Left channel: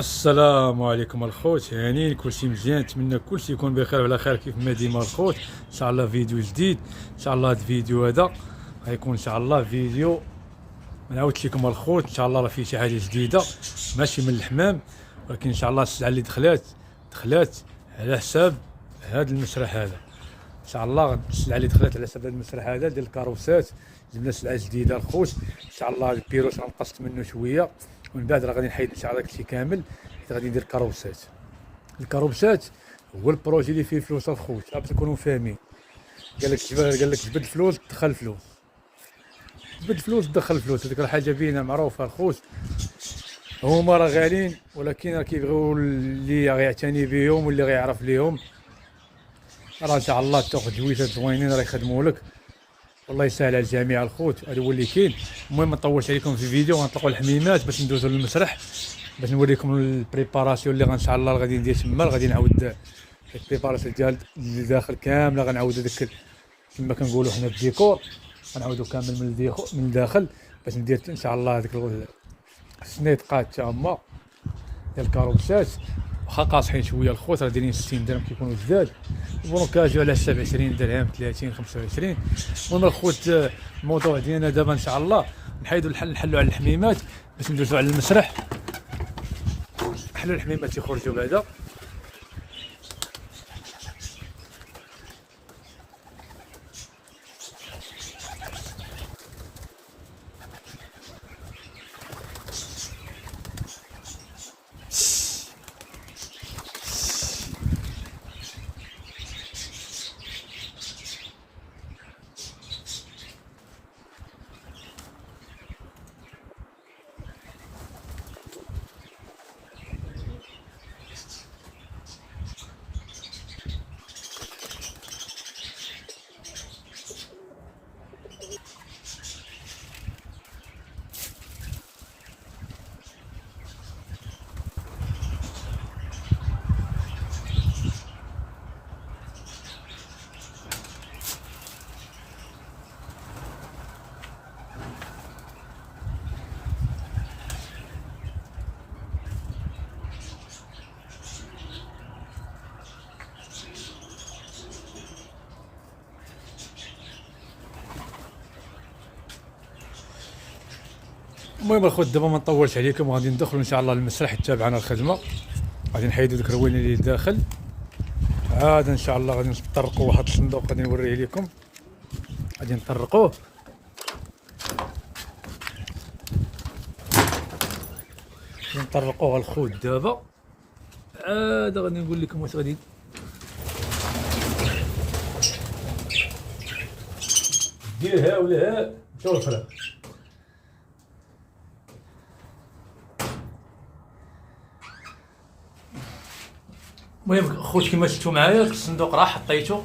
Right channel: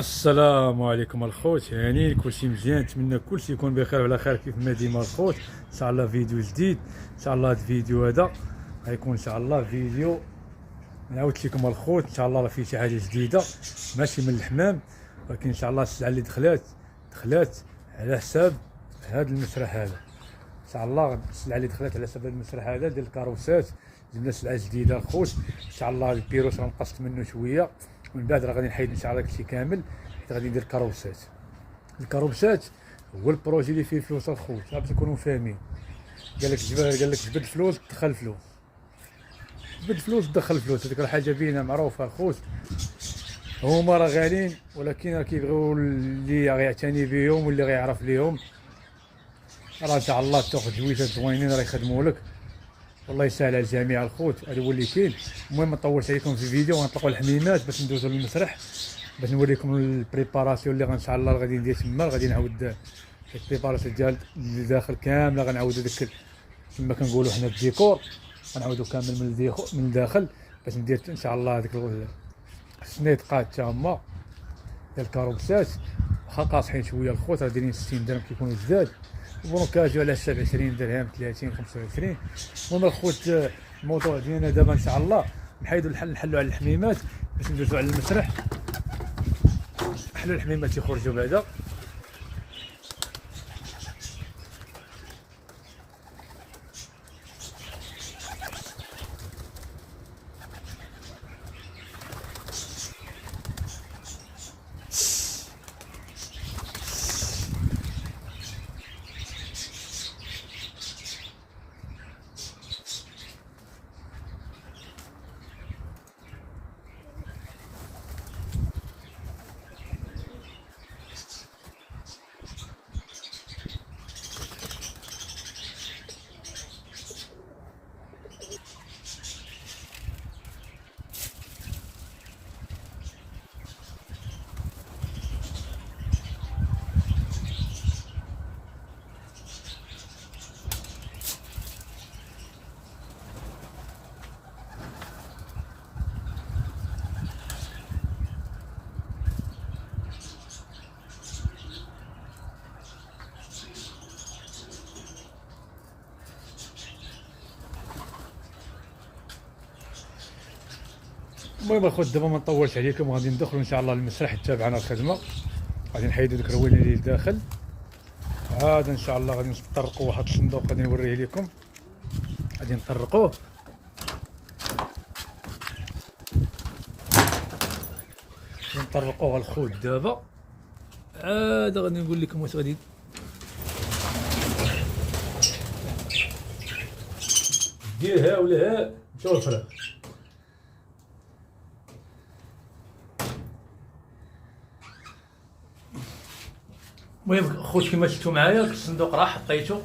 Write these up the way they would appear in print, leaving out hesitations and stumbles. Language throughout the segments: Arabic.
السلام عليكم الخوت، يعني كلشي مزيان، نتمنى كلشي يكون بخير وعلى خير كيف ما ديما الخوت. ان شاء الله فيديو جديد، ان شاء الله هذا الفيديو هذا غيكون ان شاء الله فيديو ما نعاودش لكم الخوت. ان شاء الله راه فيه شي حاجه جديده ماشي من الحمام، ولكن ان شاء الله السلعه اللي دخلات على حساب هذا المسرح هذا. ان شاء الله السلعه اللي دخلت على حساب هذا المسرح هذا ديال الكاروسات، جبنا سلعه جديده الخوت. ان شاء الله البيروس غنقصت منه شويه، ومن بعد راه غادي نحيد ان شاء الله داكشي كامل، غادي ندير كاروسات. الكاروسات هو البروجي اللي فيه فلوس الخوت، باش تكونوا فاهمين. قال لك جبد فلوس دخل فلوس، جبد فلوس دخل فلوس، هذيك راه حاجه بينه معروفه الخوت. هما راه غاليين، ولكن راه كيبغيو اللي غيعتني بهم واللي غيعرف ليهم. راه ان شاء الله تاخذ جويتات زوينين راه يخدموا لك، والله يسهل على الجميع الخوت. هذا هو اللي كاين. المهم ما نطولش عليكم في الفيديو، غنطلقوا الحميمات باش ندوزو للمسرح، باش نوريكم البريباراسيون اللي ان شاء الله غادي ندير تما. غادي نعاود البريباراسيون ديال الداخل كامله، غنعاودو داك كما كنقولوا حنا الديكور، غنعاودو كامل من الداخل باش ندير ان شاء الله هذيك السنيطقات تا هما ديال الكاروسات. واخا قاصحين شويه الخوت، راه دايرين 60 درهم كيكونوا جداد، بروكاجيو على حساب 20 درهم 30 25. المهم الخوت الموضوع ديالنا دابا ان شاء الله نحيدوا نحلوا على الحميمات باش ندوزوا على المسرح. نحلوا الحميمات يخرجوا بعدا. المهم الخوت دابا ما نطولش عليكم، وغادي ندخلوا ان شاء الله للمسرح تابعنا الخدمه. غادي نحيدوا ديك الروينه اللي داخل، عاد ان شاء الله غادي نطرقوا واحد الصندوق غادي نوريه لكم. غادي نطرقوه، الخوت دابا. عاد غادي نقول لكم واش غادي ديرها ولا ها مشاو الفراغ. المهم خوت كما شفتوا معايا الصندوق راه حطيته،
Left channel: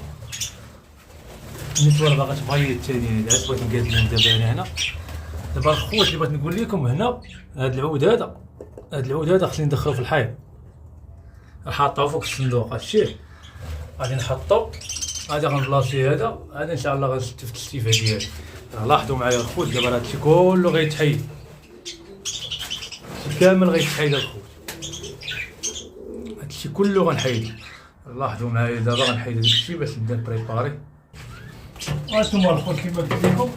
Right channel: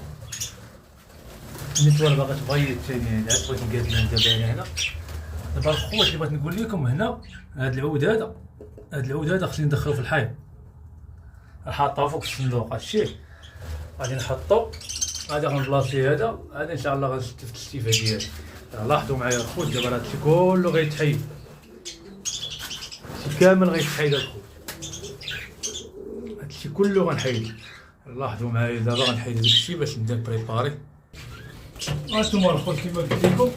النيتوار باغا تبيض الثاني هذا بغيت نقاد لهم دابا انا هنا. دابا الخوت اللي بغيت نقول لكم هنا، هاد العود هذا خصني ندخلو في الحيط، حاطه فوق الصندوق. هادشي غادي نحطو، غادي غنبلاصي هذا ان شاء الله غنشتف التشتيفه ديالي. لاحظوا معايا الخوت دابا راه هادشي كله غيتحيد، كامل غيتحيد الخوت، هادشي كله غنحيدو. لاحظوا معايا دابا غنحيد داكشي باش نبدا بريباري. هانتوما الخوت كيما قلت لكم،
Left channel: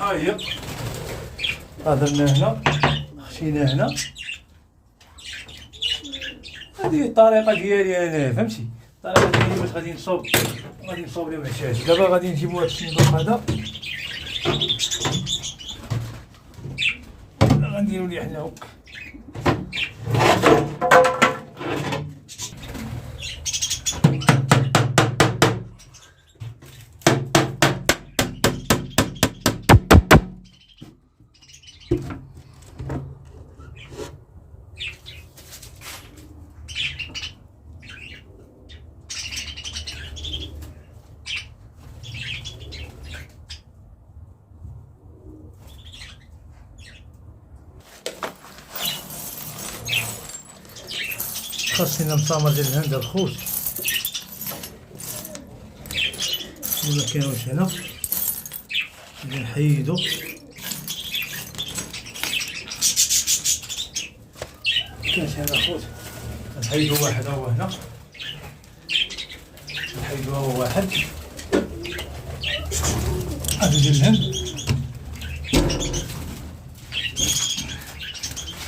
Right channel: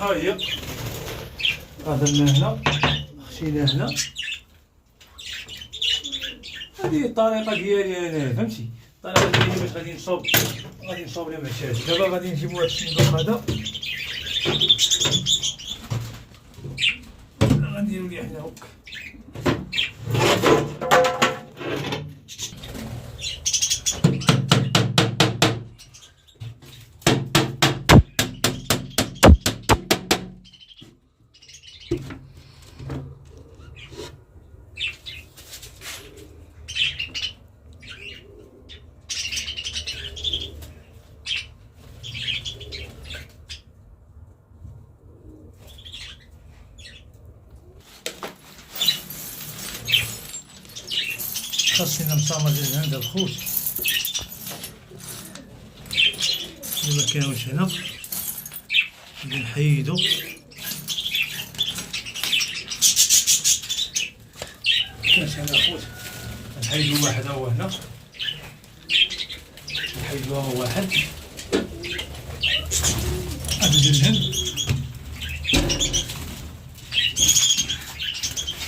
ها هي درنا هنا، خشينا هنا. هذه الطريقه ديالي انا، فهمتي؟ الطريقه ديالي باش غادي نصوب لهم الشاشه. دابا غادي نجيبو هاد الصندوق هذا، غنديرو ليه حنا هكا. خاصنا مسامر ديال الهند الخوت، ما كاينش هنا. نحيدو هذا خوت نحيدو واحد هو هنا، نحيدو هو واحد هذا ديال الهند،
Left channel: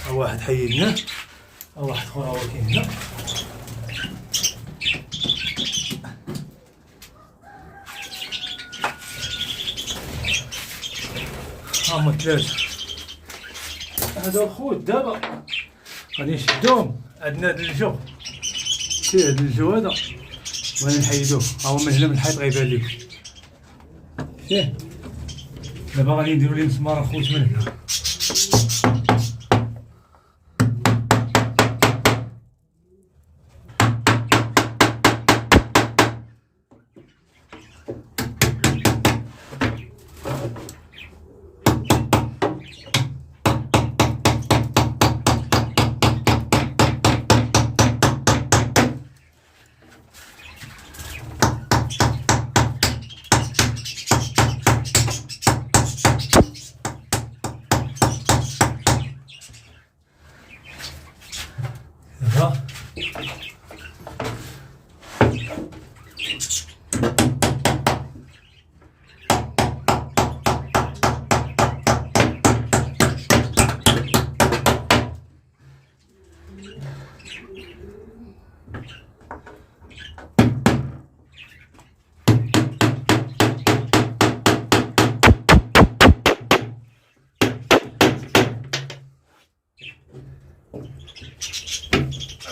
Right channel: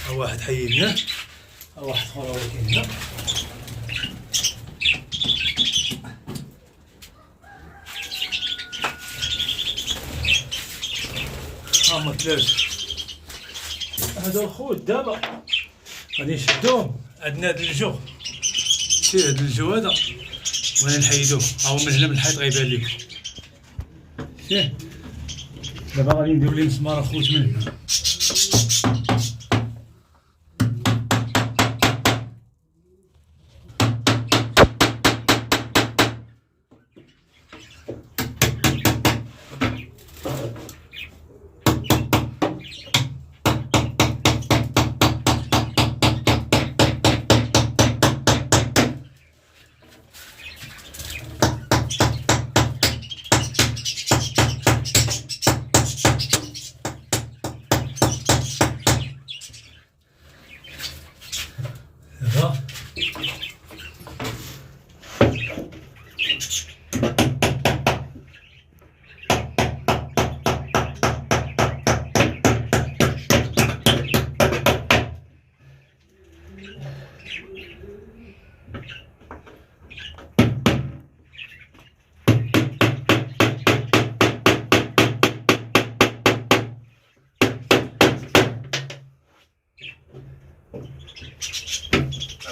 ها واحد حيدناه، ها واحد اخر هو كاين هنا. هما ثلاثة. هذا الخوت دابا غادي نشدوهم، عندنا هاد الجو، شتي هاد الجو هذا وغادي نحيدوه، ها هو من هنا من الحيط غيبان ليك، شتيه. دابا غادي نديرو ليه مسمار الخوت من هنا.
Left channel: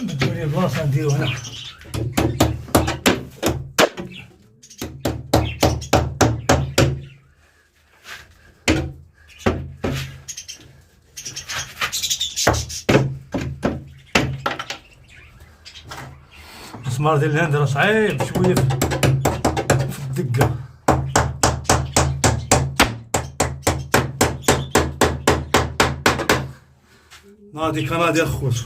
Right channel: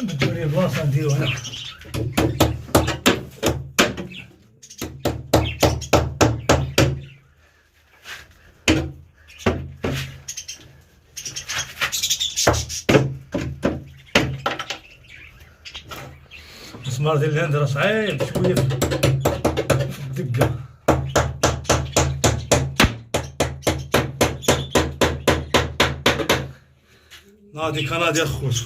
بدو لي بلاصة نديرو هنا. المسمار ديال الهند راه صعيب شوية في الدقة. ناضي كنادي الخوت.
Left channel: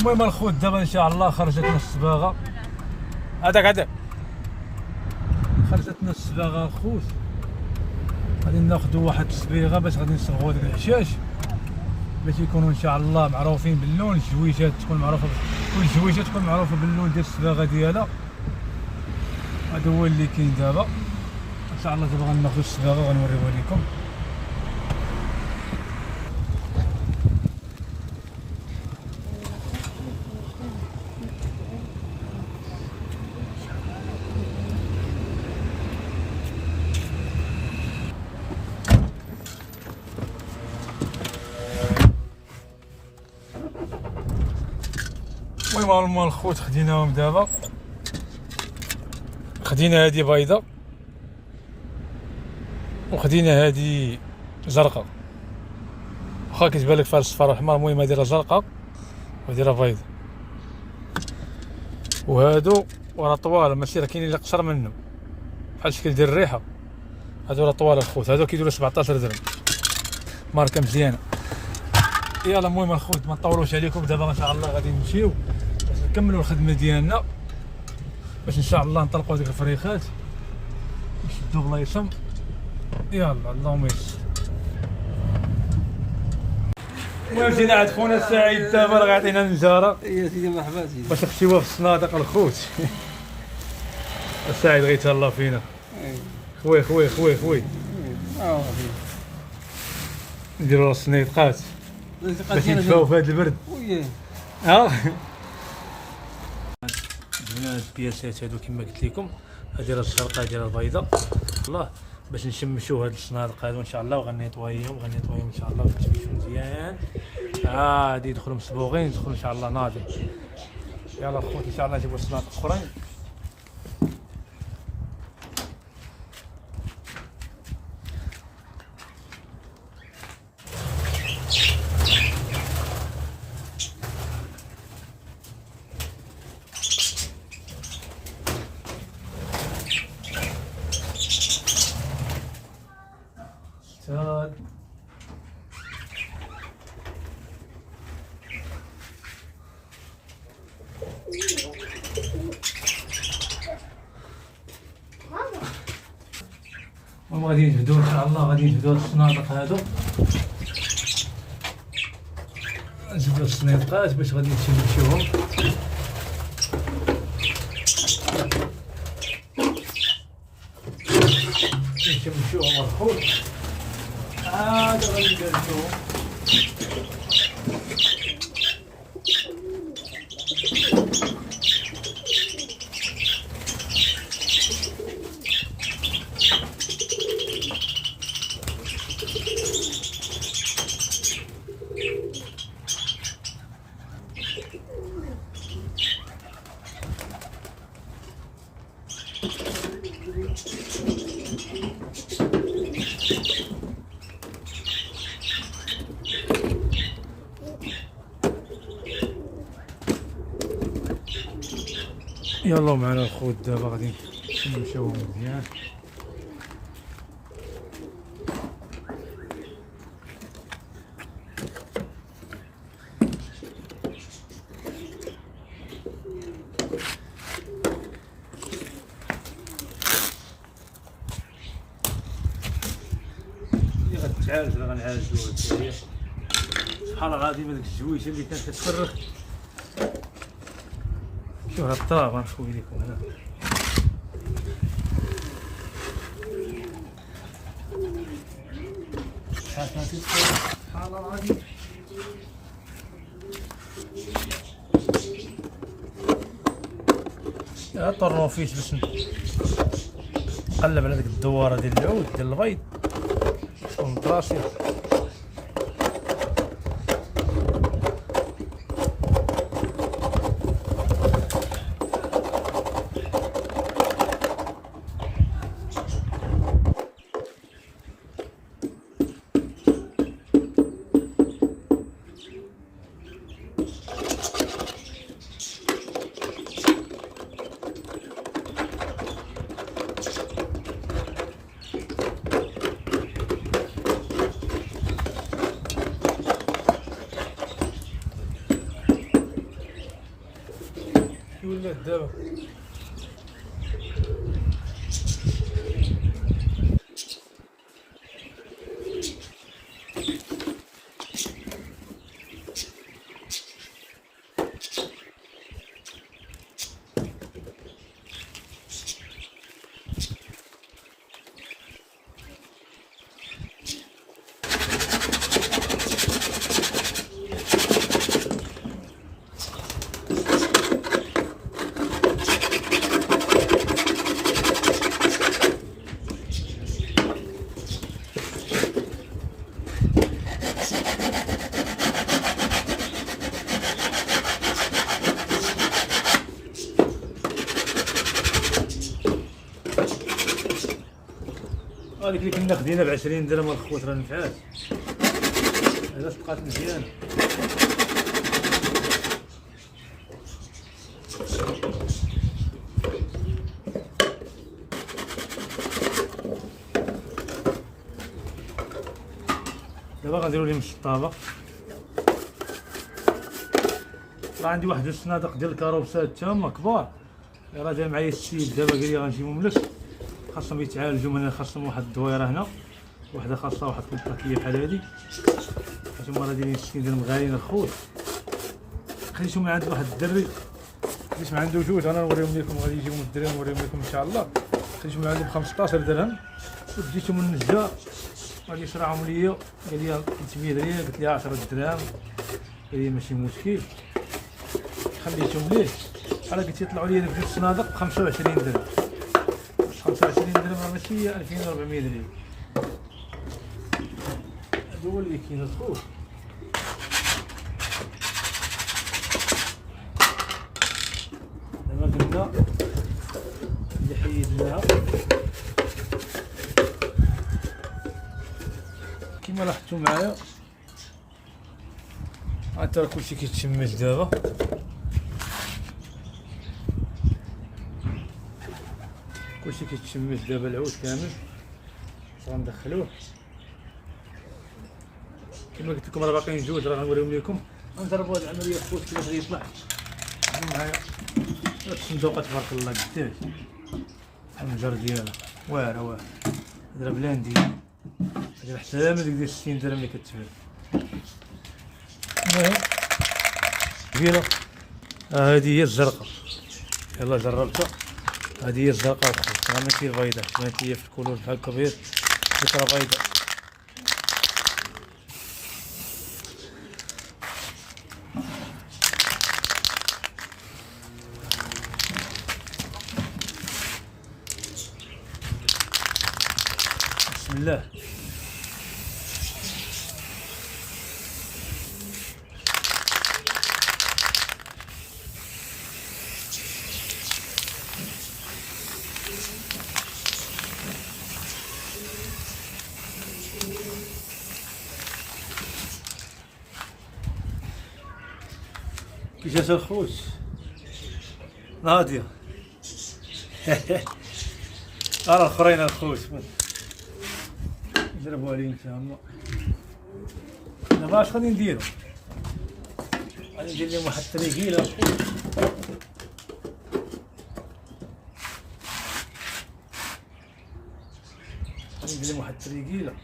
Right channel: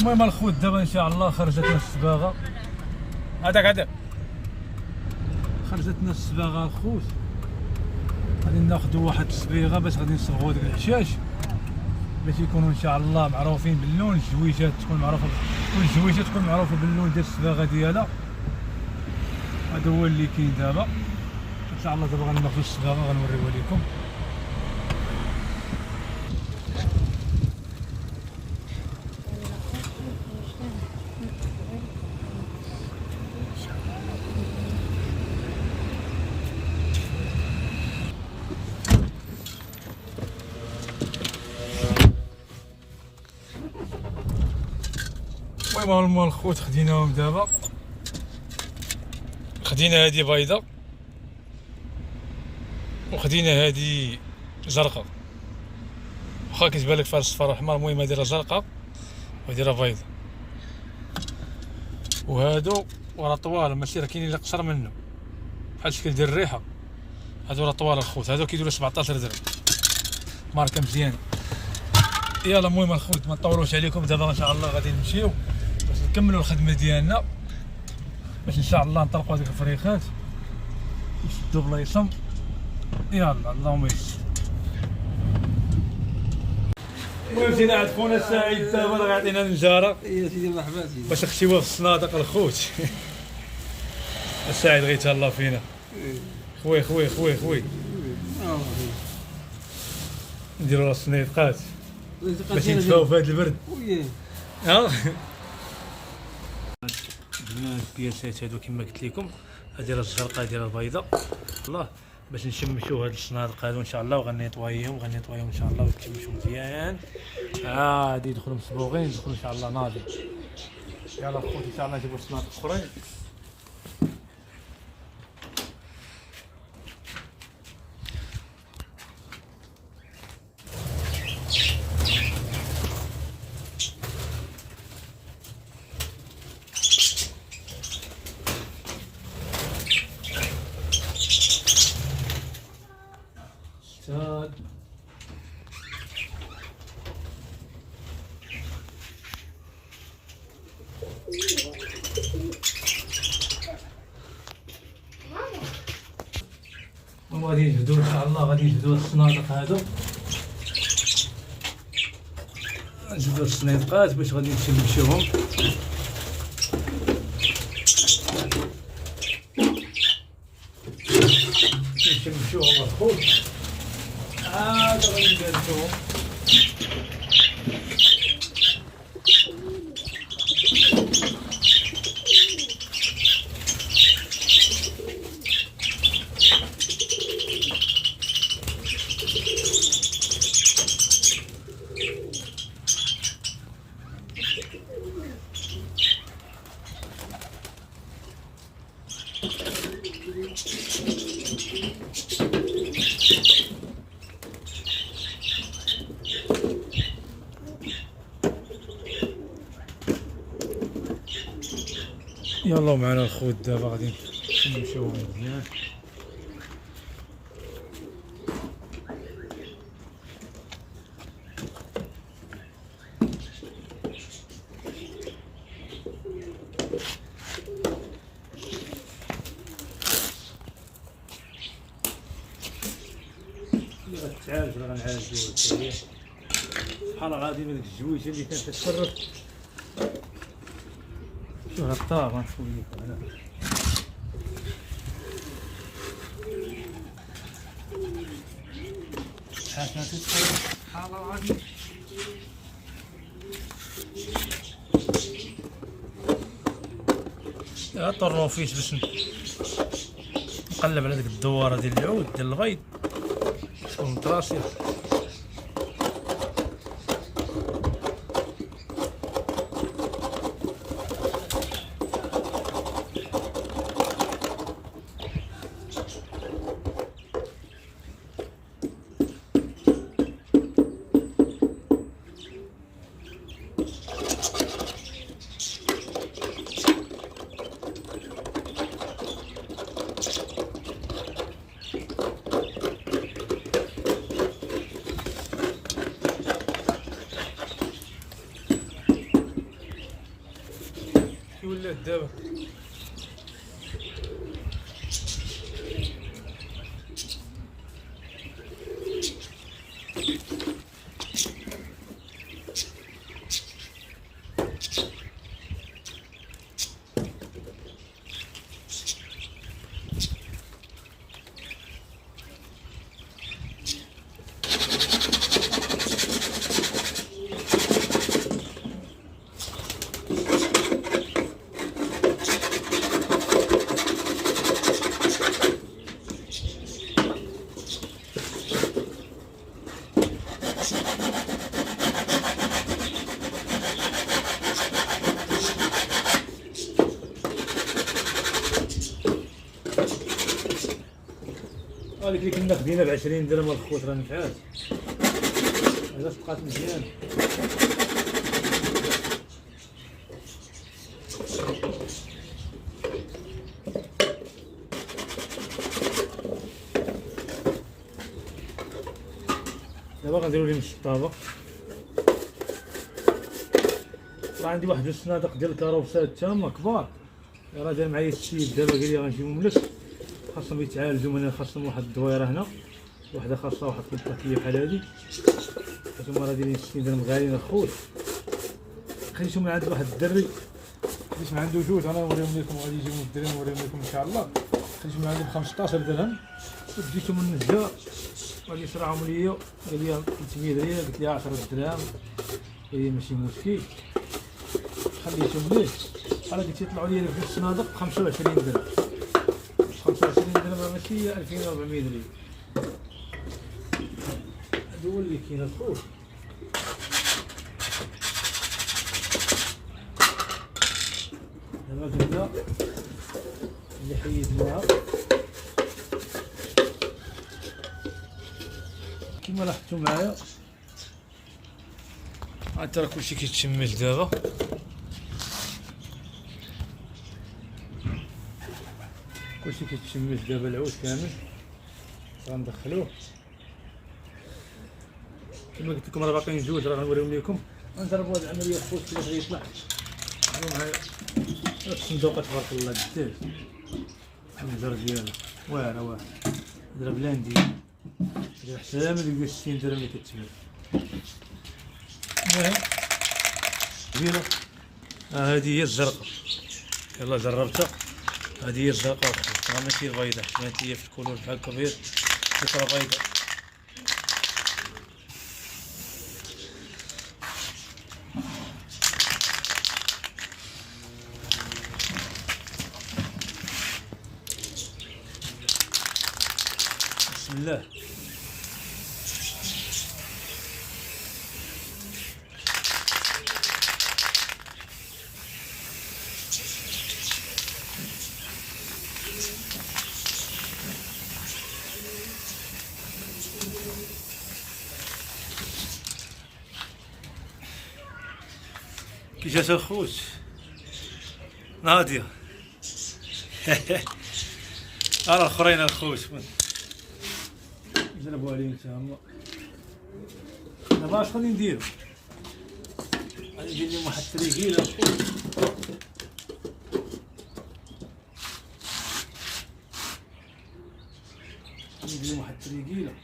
المهم الخوت دابا ان شاء الله خرجتنا الصباغه، هذاك خرجتنا الصباغه الخوت. غادي ناخذوا واحد الصبيغه باش غادي نصبغوا ديك الحشاش باش يكونوا ان شاء الله معروفين باللون. الجويجات تكون معروفه، كل الجويجات تكون معروفه باللون ديال الصباغه ديالها. هذا هو اللي كاين دابا ان شاء الله. دابا غناخذوا الصباغه غنوريوها لكم. المهم الخوت خديناهم دابا، خدينا هادي بيضة وخدينا هادي زرقاء، واخا كتبان لك فيها الصفار الاحمر. المهم هادي راه زرقاء وهادي راه بيضة، وهادو راه طوال ماشي راه كاينين اللي قصر منه بحال شكل ديال الريحة. هادو راه طوال الخوت، هادو كيديروا 17 درهم، ماركة مزيانة. يلا المهم الخوت ما نطولوش عليكم، دابا ان شاء الله غادي نمشيو باش نكملوا الخدمة ديالنا، باش ان شاء الله نطلقوا هذيك الفريخات نشدوا بلايصهم. يلا اللهم يسر. المهم جينا عند خونا سعيد دابا راه غيعطينا النجاره. يا سيدي مرحبا سيدي. باش نخشيوها في الصنادق الخوت. سعيد غيتهلا فينا. خوي خوي خوي خوي. نديروا الصنيدقات باش ندفاو في هذا البرد. ها درنا البياسات هادو كما قلت لكم، هادي راه الزرقاء ديال البيضاء الله، باش نشمشوا هاد الصنادق هادو ان شاء الله، وغنيطويهم ان شاء الله ونشمشوا مزيان. هادي يدخلوا مصبوغين، يدخلوا ان شاء الله ناضي. يلا خوتي ان شاء الله نجيبوا الصنادق اخرين. وغادي نجبدو ان شاء الله، غادي نجبدو هاد الصنادق هادو، نجبدو الصنيدقات باش غادي نشمشوهم. نشمشوهم الخوت، عاد غادي ندرسوهم. يلا معنا الخوت دابا غادي نمشيو مزيان. اللي غتعالج راه غنعالجوها حتى هي، شحال غادي من ديك الجويشه اللي كانت كتفرخ. شوف هاد الطراب غنشوف ليكم هنا، شحال كانت كتفرخ، شحال غادي طرنوفيس باش نقلب على ديك الدواره ديال العود ديال البيض تكون مطراسيه. ولات دابا هذيك اللي كنا خدينا ب20 درهم الخوت راه نفعات، علاش بقات مزيانه. دابا غنديرو لهم الطابق. راه عندي واحد الصنادق ديال الكروسات تما كبار، راه جا معايا السيد دابا قال لي غنجيبهم لك، خاصهم يتعالجوا من خاصهم واحد الدويره هنا، وحده خاصها واحد الباكيه بحال هادي، حيت هما راه دايرين 60 درهم غاليين الخوت. خديتهم من عند واحد الدري، خديت من عنده جوج، انا نوريهم لكم، غادي يجيو من الدري نوريهم لكم ان شاء الله. خديتهم من عنده ب 15 درهم، وديتهم من النجار غادي يشرعهم ليا، قال لي 300 ريال، قلت ليه 10 دراهم، قال لي ماشي مشكل، خليتهم ليه. انا قلت يطلعوا لي في الصنادق ب 25 درهم، 25 درهم راه ماشي 2400 ريال. هذا هو اللي كاين الخوت. دابا كنبدا اللي حيدناها كيما لاحظتوا معايا، حتى راه كلشي كيتشمس دابا. كلشي كيتشمس دابا، العود كامل غندخلوه كما قلت لكم، راه باقيين جوج راه غنوريهم لكم. غنجربوا هاد العمليه خوت كيفاش غيطلع. معايا الصندوقه تبارك الله قداش النجر ديالها واعره واعره. ضرب لها ندير حتى ما ديك 60 درهم اللي كتبان. كبيرة. هذه هي الزرقاء، يلا جربتها. هذه هي الزرقاء الخوت، ماشي البيضاء، حيت هي في الكولور بحال الكبير فكرة بيضاء. بسم الله. كي جات الخوت ناضية. الاخرين الخوت نضربوا عليهم تما. دابا اش غادي نديرو؟ غادي ندير لهم واحد التريكيله الخوت. غادي ندير لهم واحد التريكيله.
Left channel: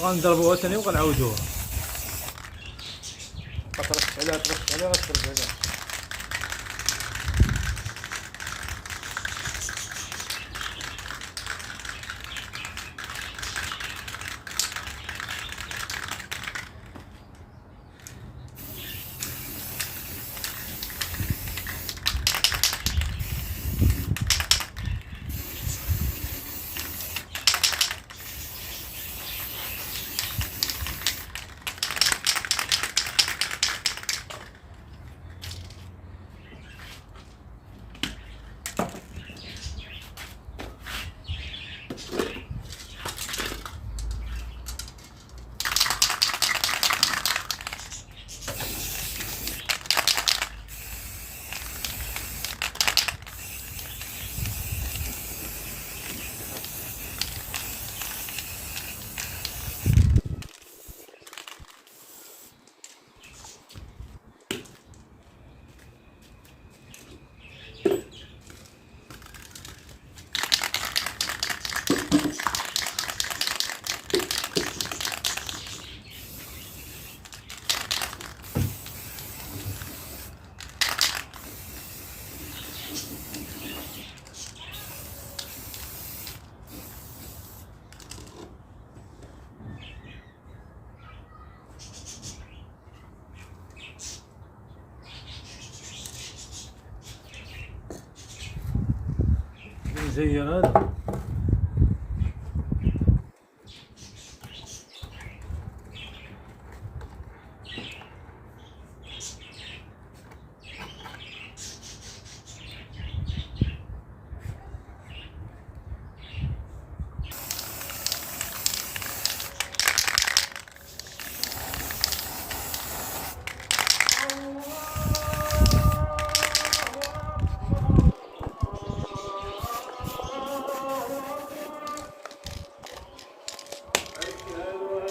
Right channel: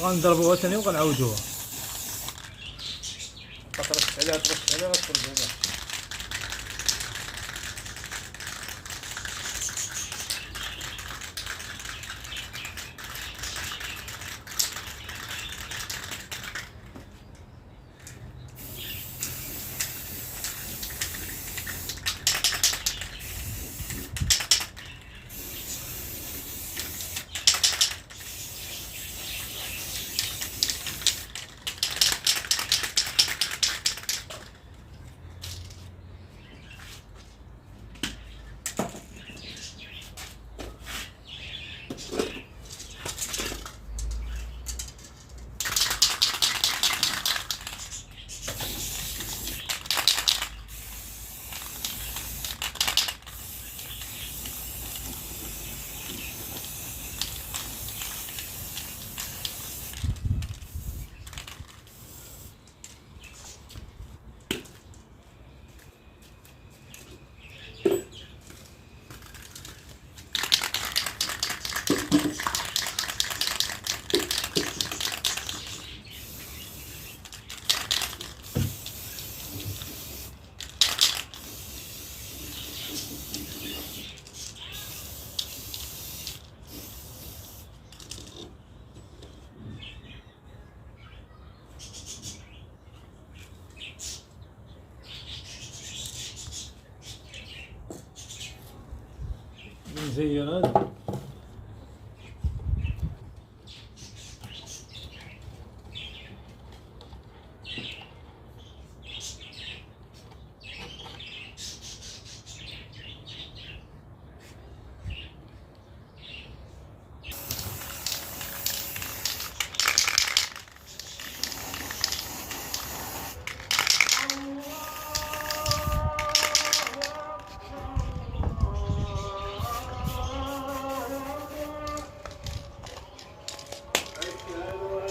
غنضربوها ثاني وغنعاودوها. ترش عليها غتشرب عليها. مزير هذا.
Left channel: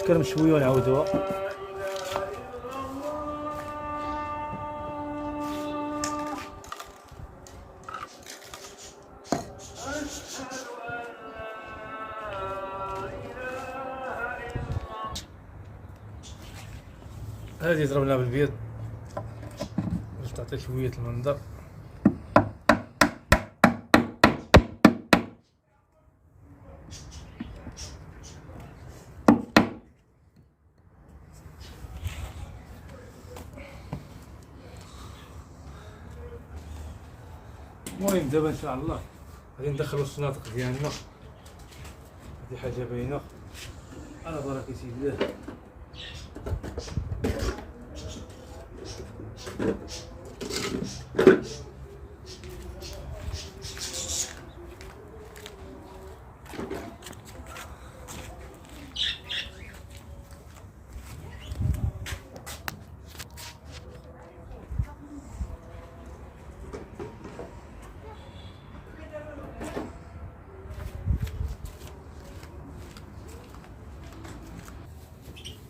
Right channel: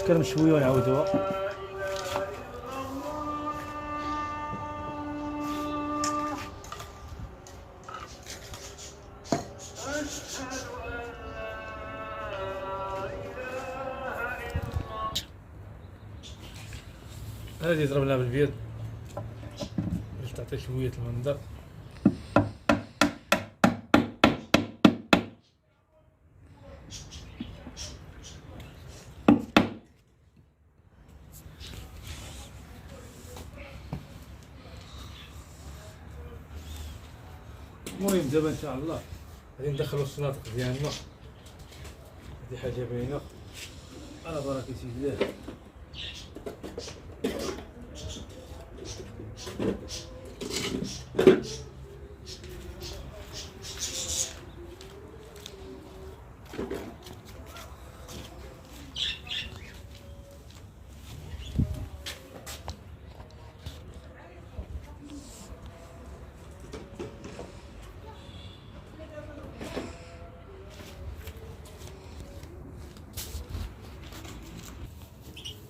كرم شويه ونعاودوها. هذه ضربناها بالبيض باش تعطي شويه المنظر. المهم دابا ان شاء الله غادي ندخلو السناطق ديالنا. هذه حاجه باينه على بركه الله.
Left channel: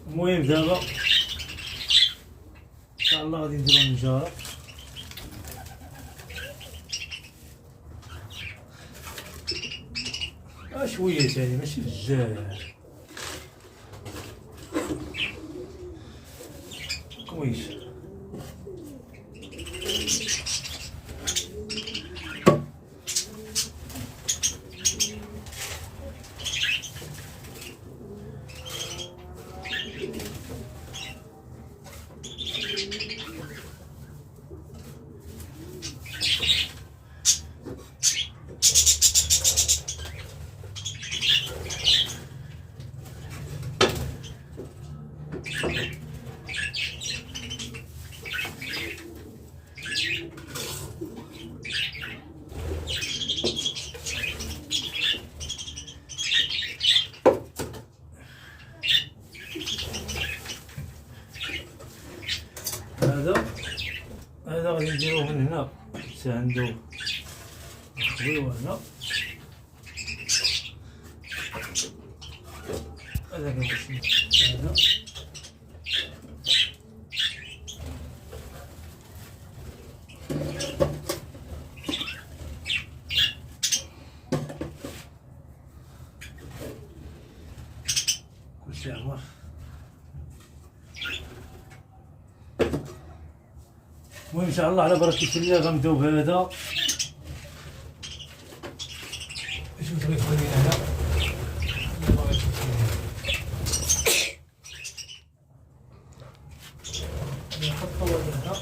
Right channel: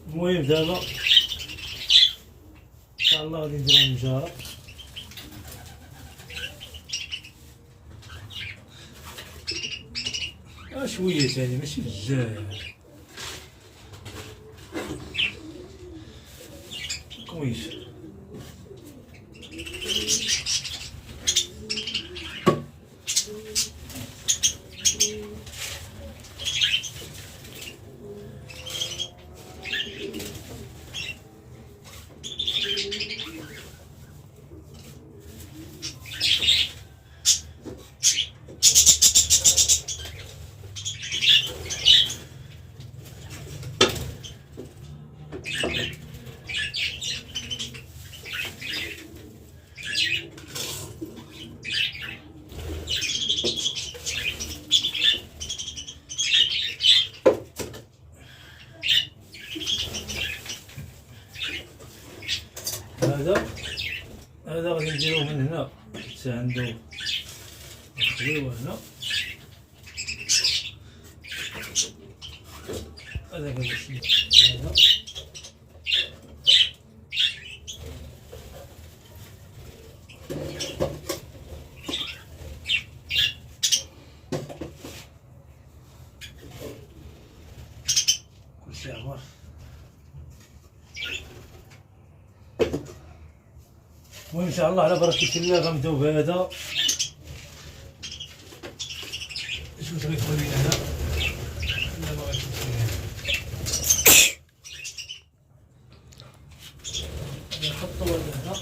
المهم دابا ان شاء الله غادي نديرو النجاره. شويه ثاني ماشي بزاف كويس. هذا غادي نديروه من هنا حتى عنده خويوه هنا. هذا كنمشي هنا كلشي عمر. المهم ان شاء الله على بركه الله غنبداو بهذا. شوف تبغي تخلي هنا نحطو هنا.